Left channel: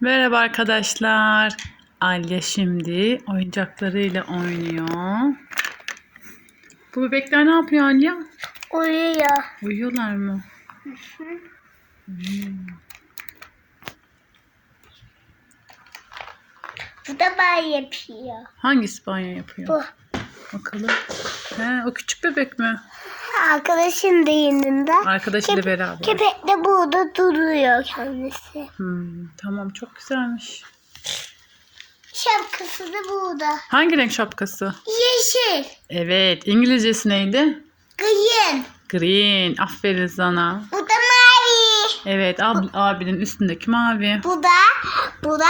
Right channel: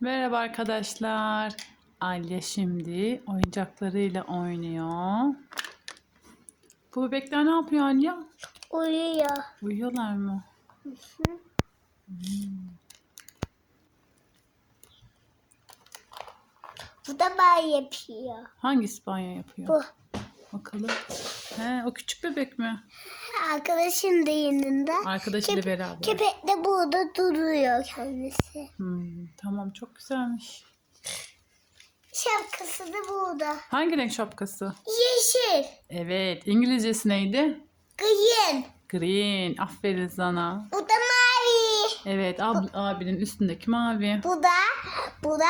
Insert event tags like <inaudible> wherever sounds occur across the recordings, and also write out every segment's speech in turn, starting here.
Merhaba arkadaşlar. Alya şimdi oyuncaklarıyla oynuyor. Bu bebekler ne yapıyor Alya? Uyuyor. Uyuyorlar mı? Bu da ben yapıyor. Hangisi banyo yapıyor? Bu. Bakalım. He, o küçük bebek mi? Arkadaşım da yanında. Arkadaşıyla beraber. Köpek de burada duruyor kendisi. Hmm, tamam çok güzelmiş. Şapkası da burada. Hangi renk şapkası? Yeşil. Evet. İngilizcesi neydi? Green. Green. Aferin sana. Bu da mavi. Evet ab- abinin üstündeki mavi. Bu da, bu da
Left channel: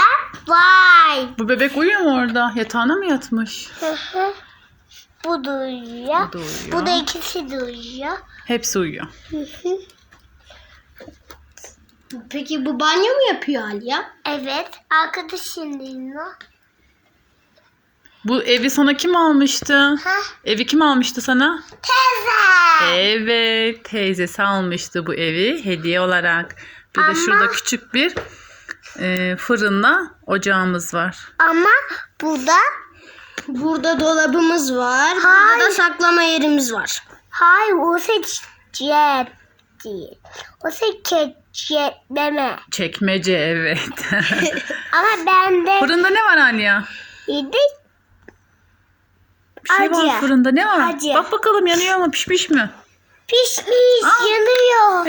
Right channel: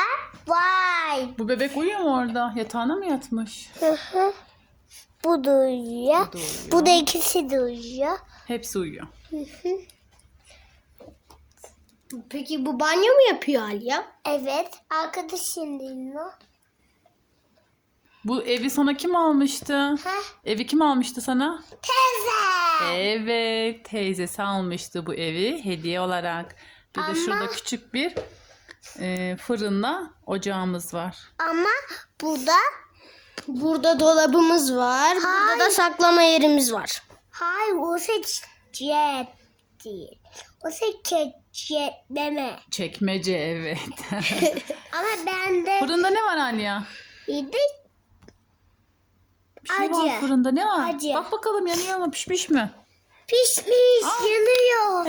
vay. Bu bebek uyuyor mu orada? Yatağına mı yatmış? Bu da uyuyor. Bu da uyuyor. Bu da ikisi de uyuyor. Hepsi uyuyor. <laughs> Peki bu banyo mu yapıyor Alya? Evet. Arkadaşım dinle. Bu evi sana kim almıştı? Ha? Evi kim almıştı sana? Teyze. Evet, teyzesi almıştı bu evi hediye olarak. Bir de Ama- şurada küçük bir e, fırınla ocağımız var. Ama burada Burada dolabımız var. Hayır. Burada da saklama yerimiz var. hayır o seçecek değil. O seçecek deme. Çekmece evet. <laughs> Ama bende Fırında ne var Aliya? yedi Bir şey var Acı. fırında ne var? Acı. Bak bakalım yanıyor mu pişmiş mi? pişmiş Aa. yanıyor.